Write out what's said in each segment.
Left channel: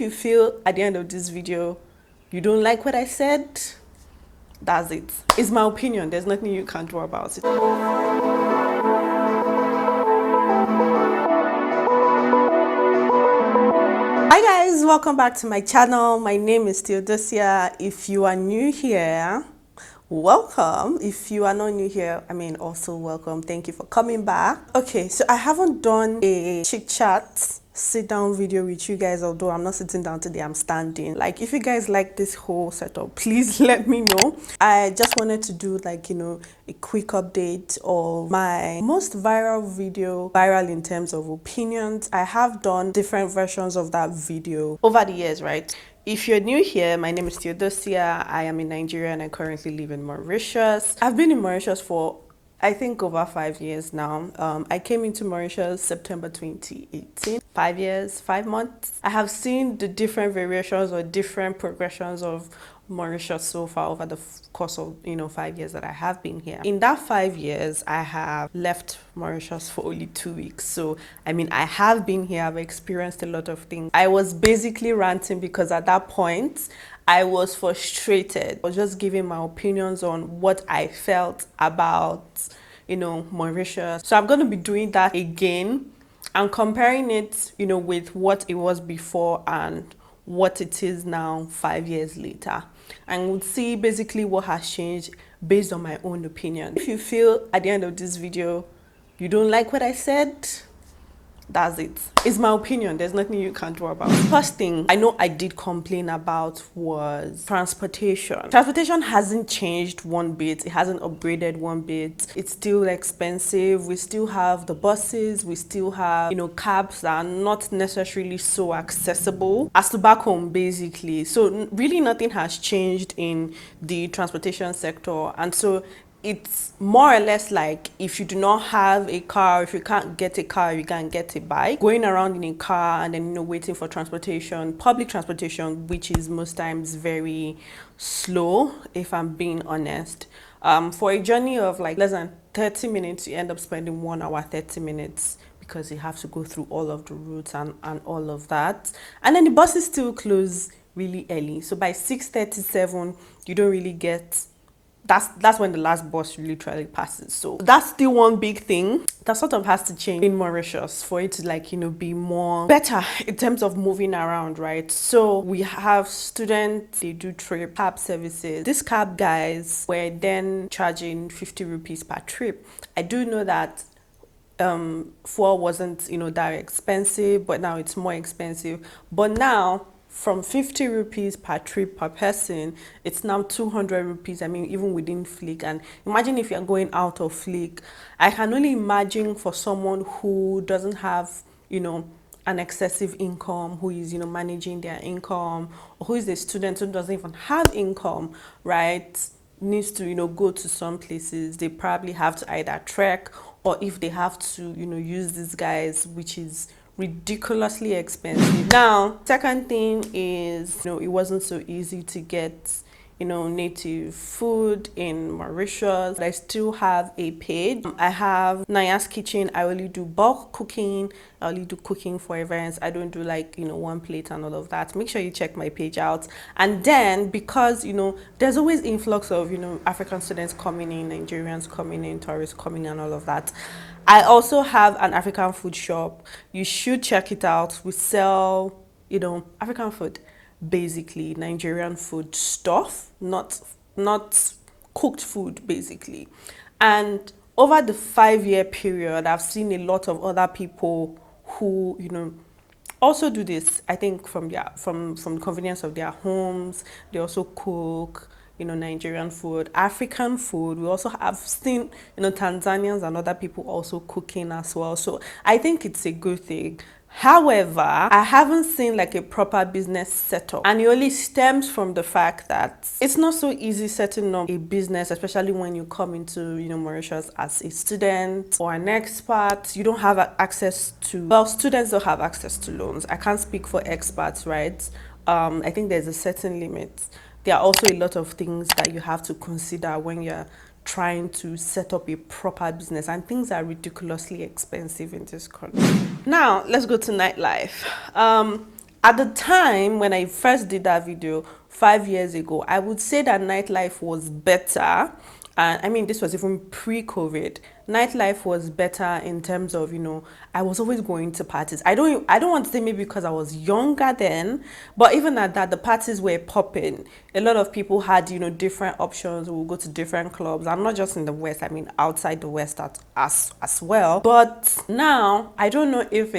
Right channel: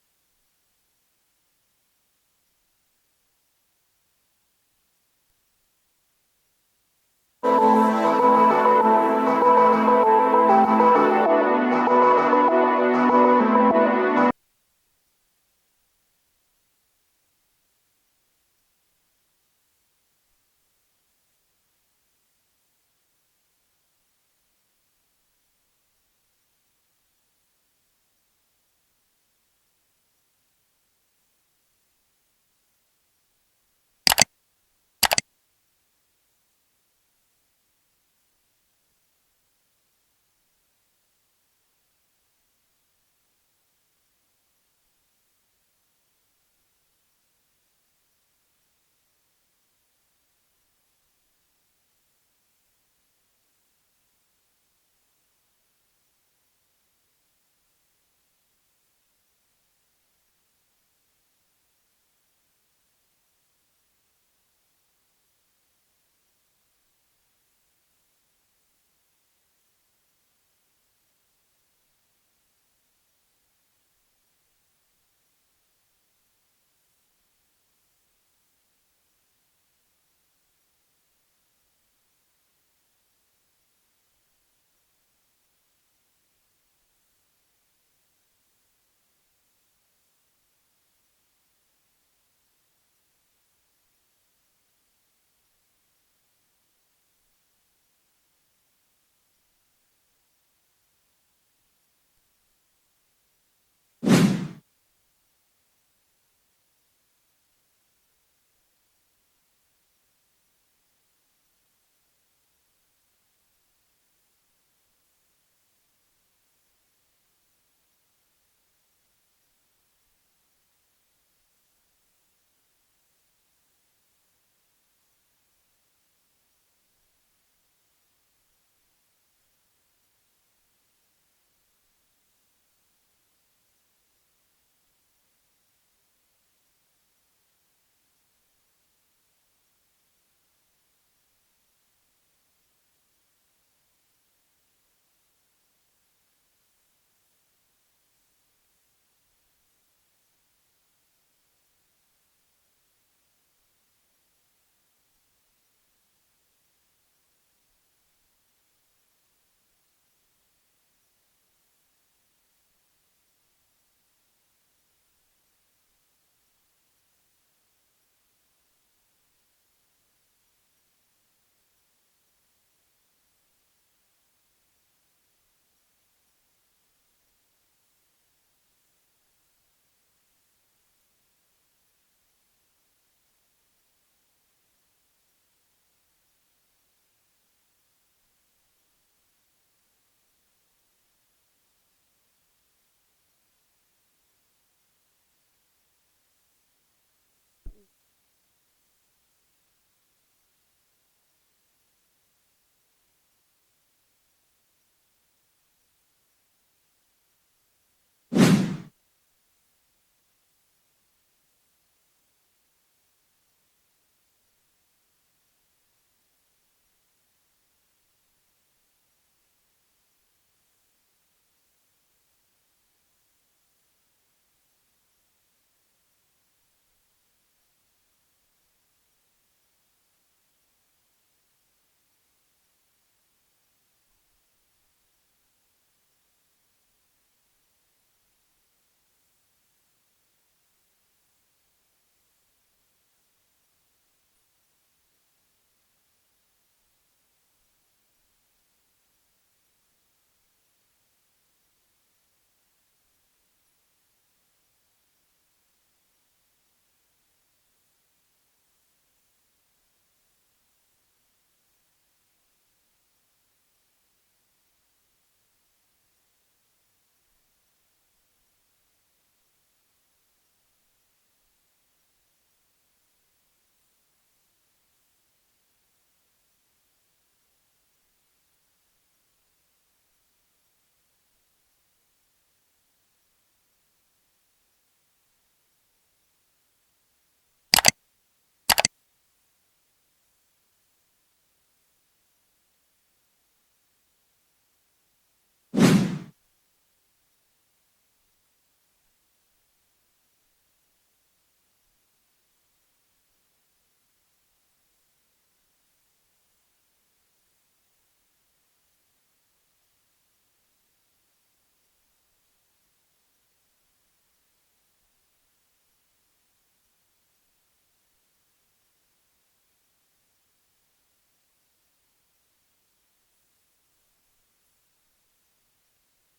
If you feel at the end of this video you don't like what I said, that's it. It's my opinion. There's nothing you can do about it. Hi guys, welcome back to my channel. My name is Theodosia. If you are new here, welcome. If you are not new here, also welcome. Thank you for coming back. Okay, so I haven't done a chit chat sit down video with you guys, although I'm not sitting down today, I'm standing. Like, if you guys like this whole setup, please let me know. I just wanted to do a quick update of my most viral video, viral in terms of opinions. I have done different versions of that video over the years, right? If you're new here, my name is Theodosia. I am in Nigeria and I currently live in Mauritius. I've been in Mauritius for I think over 5 years now. I came into Mauritius September 2018. 5 years, 5 months. I have seen the different variations or different progressions of Mauritius so far over the course of 5 years that I have been here. In that 5 years, I have left Mauritius for only 2 weeks. So I have been here, I've experienced a lot of things. I was basically ranting because at that point I was frustrated. I was just giving my opinions on what I felt about Mauritius. So I'm going to be doing that again and comparing it with what it was before and what it is now 5 years later, and we'll see basically what has changed based on my own opinion. If you feel at the end of this video you don't like what I said, that's it. It's my opinion. There's nothing you can do about it. First thing I know I did complain about was transportation. Transportation hasn't changed one bit. It hasn't upgraded one bit. It's still expensive. We still have the buses. We still have, cabs that are not necessarily so accessible as to back home, basically. So really nothing has changed in the transportation sector. And so it's more or less like if you do not have a car, if you can't get a car, you can't get a bike, going around in a car and then waiting for transportation, public transportation, which is most times very slow, if I'm being honest. For a journey of less than 30 minutes, you end up spending 1 hour 30 minutes because you have to go through all of the routes and all of that. And then the buses still close really early, so by 6:37 you don't really get. That's when the last bus literally passes. So that's still one big thing that sort of has to change in Mauritius for it to be more better in terms of moving around, right? So we have students, they do trip cab services. These cab guys were then charging 50 rupees per trip. I do know that fuel wasn't that expensive, but now it's more expensive. But now from 50 rupees per trip per person, it's now 200 rupees, even within Flick. And imagine if you're going out of Flick. I can only imagine for someone who doesn't have, an excessive income, who is, managing their income, or who is a student who doesn't even have income, right, needs to, go to some places. They probably have to either trek, or if they have to, use these guys, which is ridiculously expensive. Now, second thing is, it wasn't so easy to get, native food in Mauritius. I still have a page. I have Naya's Kitchen. I only do bulk cooking. I only do cooking for events. I don't do one plate and all of that. Make sure you check my page out. And then because, there's always influx of, African students coming in, Nigerians coming in, tourists coming in and all of that. I also have an African food shop. You should check it out. We sell, African food, basically Nigerian food stuff, not cooked food, basically. And over the 5-year period, I've seen a lot of other people who, also do this. I think from the convenience of their homes, they also cook. Nigerian food, African food. We also have seen, Tanzanians and other people also cooking as well. So I think it's a good thing. However, I haven't seen a proper business setup, and it only stems from the fact that it's not so easy setting up a business, especially when you come into Mauritius as a student or an expat. You don't have access to, students don't have access to loans. I can't speak for expats, right? I think there's a certain limit. There are also a lot of things that you have to consider when you're trying to set up a proper business, and things are ridiculously expensive in this country. Now, let's go to nightlife. At the time when I first did that video 5 years ago, I would say that nightlife was better. And I mean, this was even pre-COVID. Nightlife was better in terms of, I was always going to parties. I don't want to say maybe because I was younger then, but even at that, the parties were popping. A lot of people had, different options. We'll go to different clubs. I'm not just in the West, I mean outside the West as well. But now I don't know if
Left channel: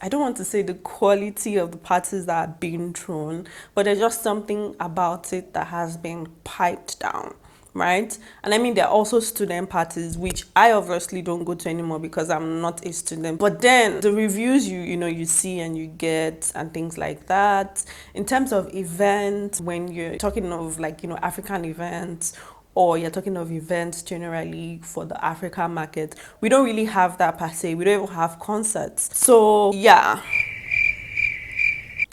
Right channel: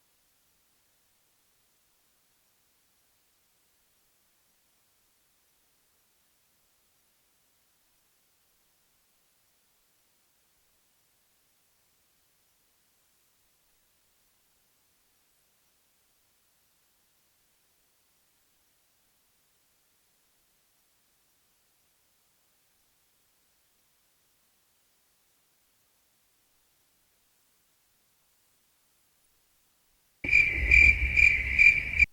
I don't want to say the quality of the parties that are being thrown, but there's just something about it that has been piped down, right? And I mean, there are also student parties, which I obviously don't go to anymore because I'm not a student. But then the reviews you see and you get and things like that. In terms of events, when you're talking of African events, or you're talking of events generally for the African market, we don't really have that per se. We don't even have concerts. So yeah,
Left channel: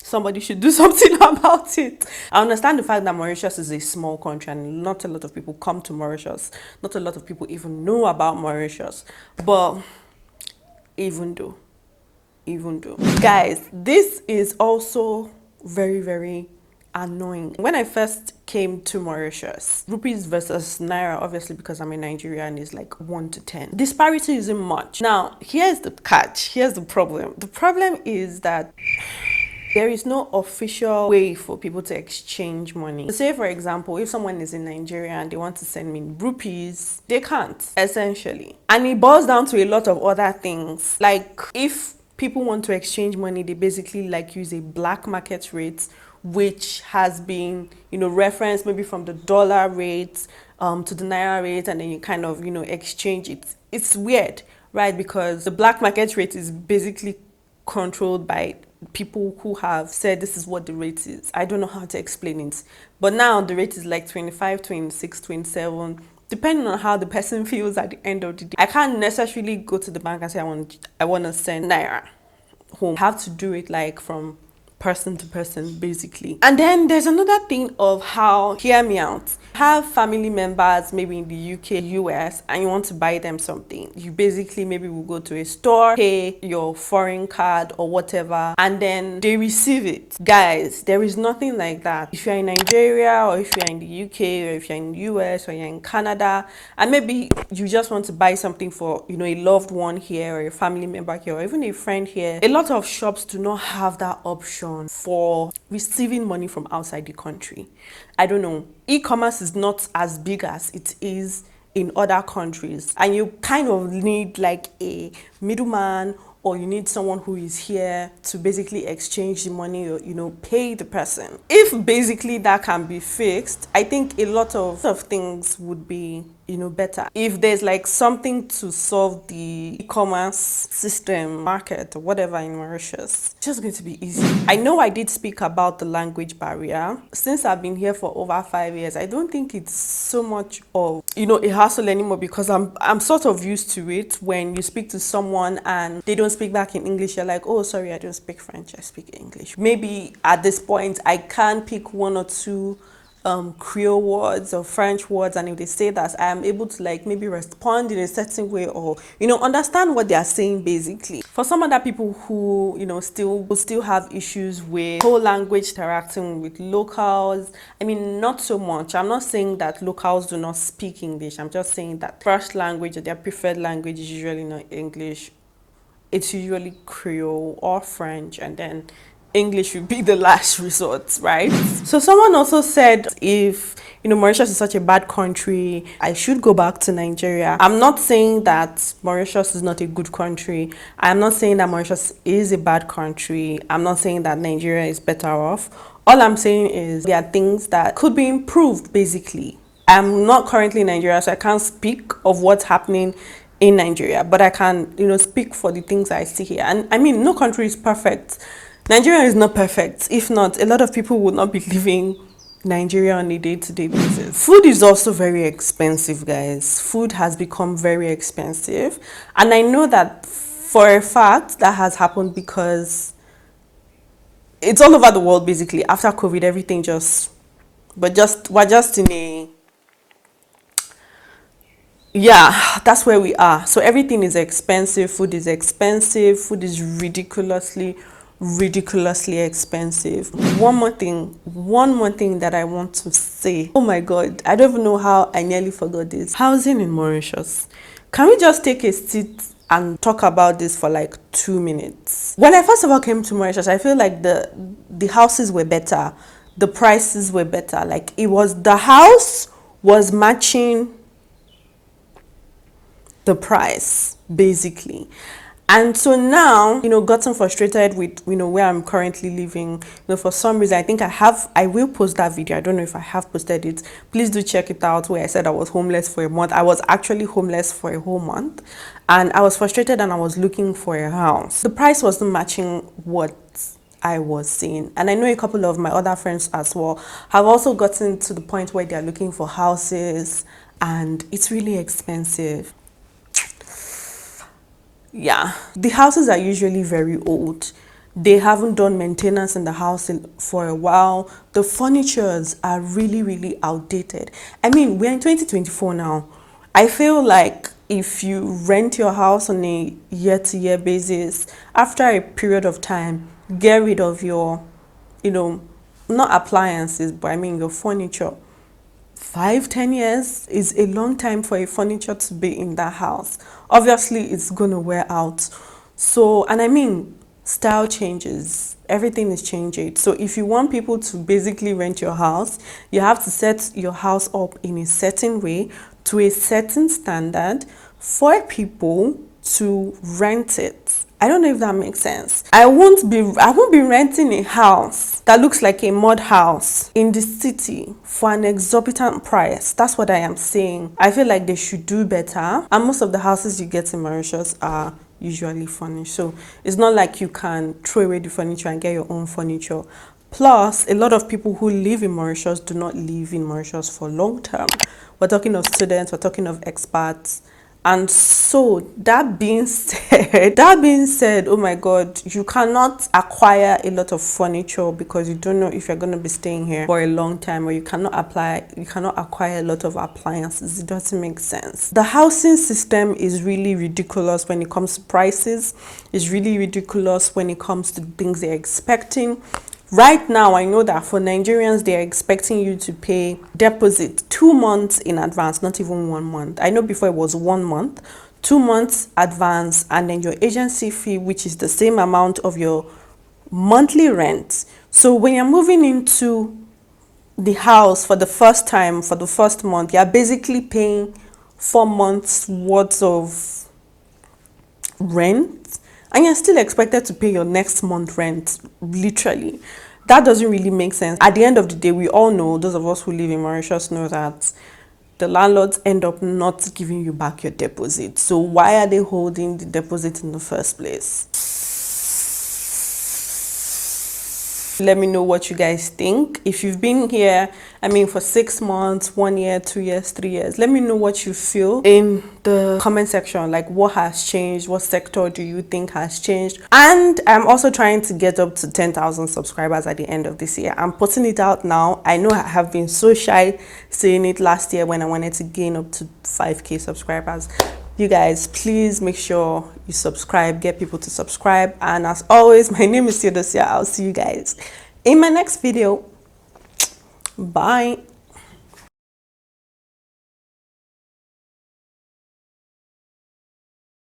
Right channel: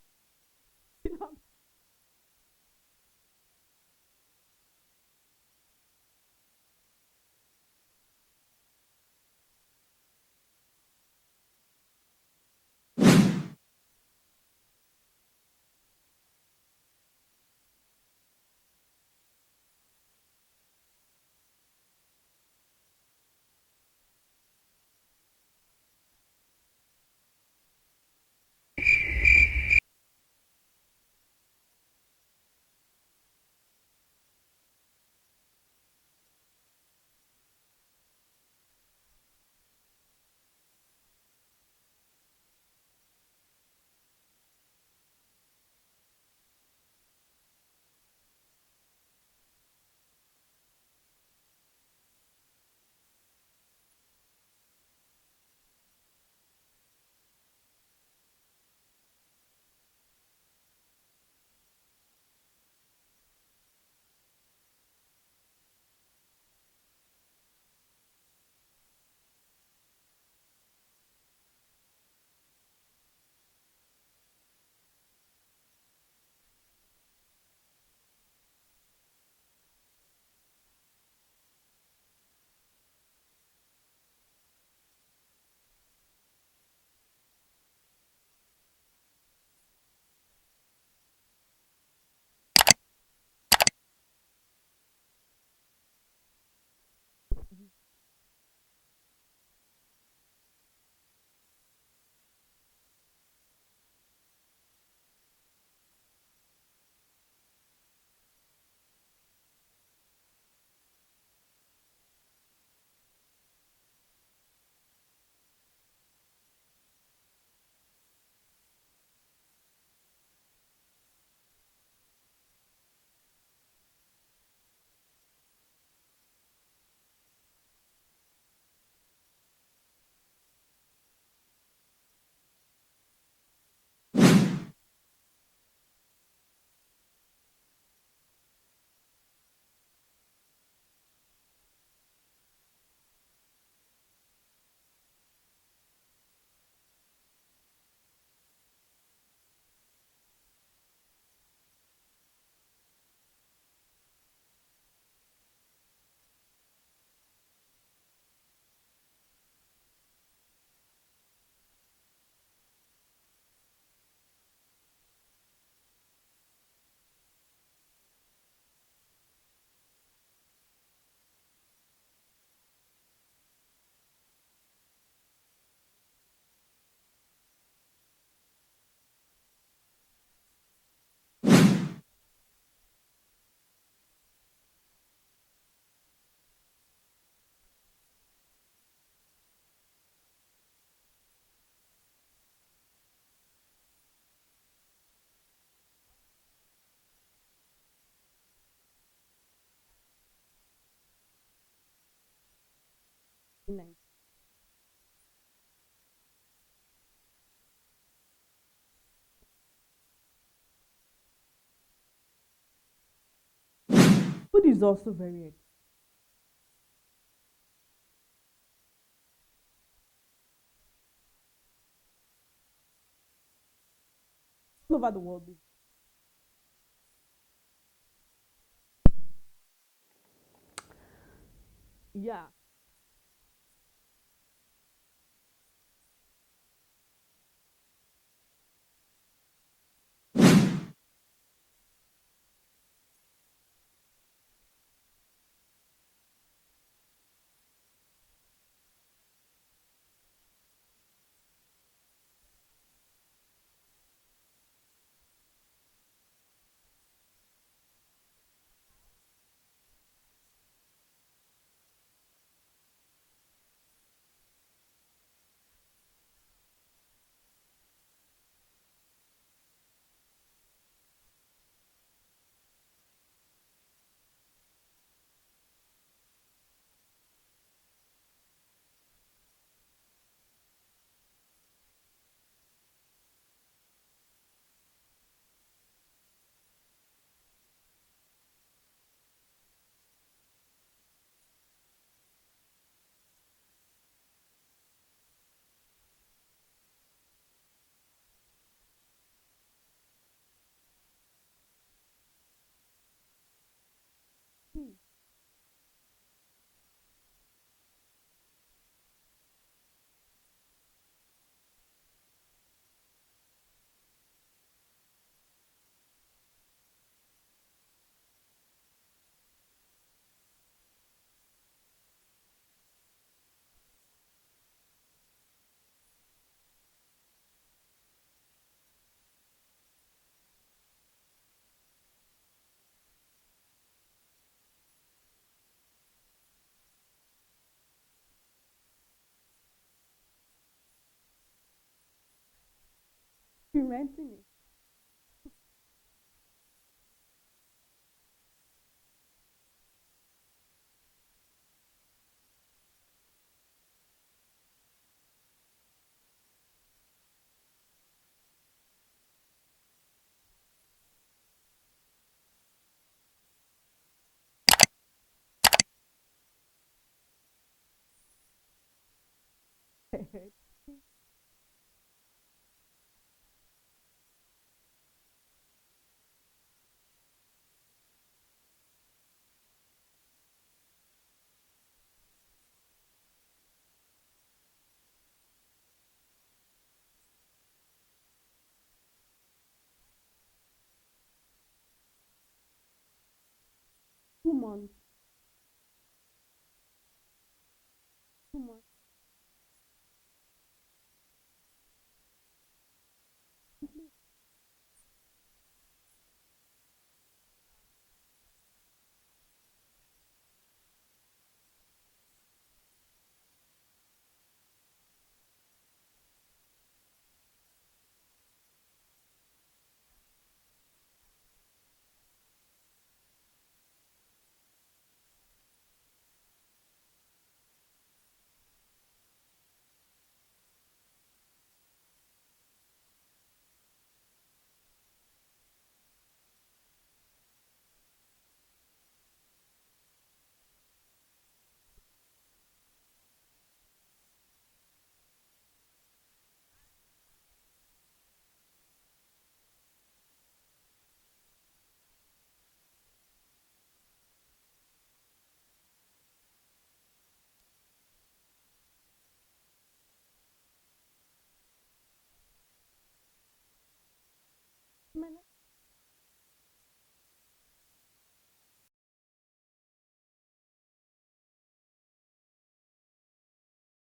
somebody should do something about it. I understand the fact that Mauritius is a small country and not a lot of people come to Mauritius. Not a lot of people even know about Mauritius. But even though, guys, this is also very, very annoying. When I first came to Mauritius, rupees versus naira, obviously because I'm in Nigeria, and is like 1 to 10. Disparity isn't much. Now, here's the catch. Here's the problem. The problem is that there is no official way for people to exchange money. Say, for example, if someone is in Nigeria and they want to send me rupees, they can't, essentially. And it boils down to a lot of other things. Like, if people want to exchange money, they basically use a black market rate, which has been, referenced maybe from the dollar rate to the naira rate, and then you kind of, exchange it. It's weird, right? Because the black market rate is basically controlled by people who have said this is what the rate is. I don't know how to explain it. But now the rate is like 25, 26, 27, depending on how the person feels at the end of the day. I can't necessarily go to the bank and say I want to send naira home. I have to do it from person to person, basically. And then there's another thing of how, hear me out, have family members maybe in the UK, US, and you want to buy them something. You basically maybe will go to a store, pay your foreign card or whatever, and then they receive it. Guys, there is nothing like that. If you're in Nigeria, or if you're in the UK, or if you're in the US, or you're in Canada, and maybe you just want to buy something for a loved one here, or a family member here, or even a friend here, a lot of shops do not have that option for receiving money from outside the country. I don't know. E-commerce is not as big as it is in other countries, and you kind of need a middleman, or you need someone who is here to basically exchange the money, or pay the person. If basically that can be fixed, I think a lot of things would be better. If there's something to solve the e-commerce system, market, or whatever in Mauritius, it's just going to be easy. I know I did speak about the language barrier. Since I've been here for over 5 years, I don't think it's so much of a hassle anymore, because I'm sort of used to it. When you speak to someone and they don't speak back in English, you're like, oh, sorry, I don't speak French, I speak English. Maybe at this point I can pick one or two Creole words or French words, and if they say that, I am able to maybe respond in a certain way, or understand what they are saying, basically. For some other people who still have issues with whole language interacting with locals, I mean, not so much. I'm not saying that locals do not speak English. I'm just saying that first language, or their preferred language, is usually not English. It's usually Creole or French, and then English would be the last resort, right? So someone also said, if Mauritius is such a bad country, I should go back to Nigeria. I'm not saying that Mauritius is not a good country. I'm not saying that Mauritius is a bad country. I'm not saying that Nigeria is better off. All I'm saying is there are things that could be improved, basically. I'm not currently in Nigeria, so I can't speak of what's happening in Nigeria, but I can, speak for the things I see here. And I mean, no country is perfect. Nigeria is not perfect. If not, a lot of people would not be living Nigeria on a day-to-day basis. Food is also very expensive, guys. Food has become very expensive. And I know that for a fact that has happened because it's all over the world, basically. After COVID, everything we're just in a, yeah, that's where we are. So everything is expensive. Food is expensive. Food is ridiculously ridiculously expensive. One more thing that I want to say. Oh my god, I don't even know how I nearly forgot this. Housing in Mauritius. Can we just take a seat and talk about this for like 2 minutes? When I first of all came to Mauritius, I feel like the houses were better, the prices were better. Like the house was matching the price basically. And so now, gotten frustrated with, where I'm currently living. For some reason, I think I will post that video. I don't know if I have posted it. Please do check it out, where I said I was homeless for a month. I was actually homeless for a whole month. And I was frustrated and I was looking for a house. The price wasn't matching what I was seeing. And I know a couple of my other friends as well have also gotten to the point where they're looking for houses and it's really expensive. Yeah, the houses are usually very old. They haven't done maintenance in the house for a while. The furnitures are really, really outdated. I mean, we're in 2024 now. I feel like if you rent your house on a year-to-year basis, after a period of time, get rid of your, not appliances, but I mean your furniture. 5-10 years is a long time for a furniture to be in that house. Obviously it's gonna wear out. So, and I mean, style changes, everything is changing. So if you want people to basically rent your house, you have to set your house up in a certain way to a certain standard for people to rent it. I don't know if that makes sense. I won't be renting a house that looks like a mud house in the city for an exorbitant price. That's what I am saying. I feel like they should do better. And most of the houses you get in Mauritius are usually furnished. So it's not like you can throw away the furniture and get your own furniture. Plus, a lot of people who live in Mauritius do not live in Mauritius for long term. We're talking of students, we're talking of expats. And so that being said, oh my god, you cannot acquire a lot of furniture because you don't know if you're going to be staying here for a long time, or you cannot acquire a lot of appliances. It doesn't make sense. The housing system is really ridiculous when it comes to prices. It's really ridiculous when it comes to things they're expecting. Right now, I know that for Nigerians, they're expecting you to pay deposit 2 months in advance, not even 1 month. I know before it was 1 month, 2 months advance, and then your agency fee, which is the same amount of your monthly rent. So when you're moving into the house for the first time, for the first month, you're basically paying 4 months worth of rent, and you're still expected to pay your next month rent, literally. That doesn't really make sense. At the end of the day, we all know, those of us who live in Mauritius know that the landlords end up not giving you back your deposit. So why are they holding the deposit in the first place? Let me know what you guys think. If you've been here, for 6 months, 1 year, 2 years, 3 years, let me know what you feel in the comment section. Like, what has changed? What sector do you think has changed? And I'm also trying to get up to 10,000 subscribers at the end of this year. I'm putting it out now. I know I have been so shy saying it last year when I wanted to gain up to 5K subscribers. You guys, please make sure you subscribe, get people to subscribe. And as always, my name is Theodosia. I'll see you guys in my next video. Bye.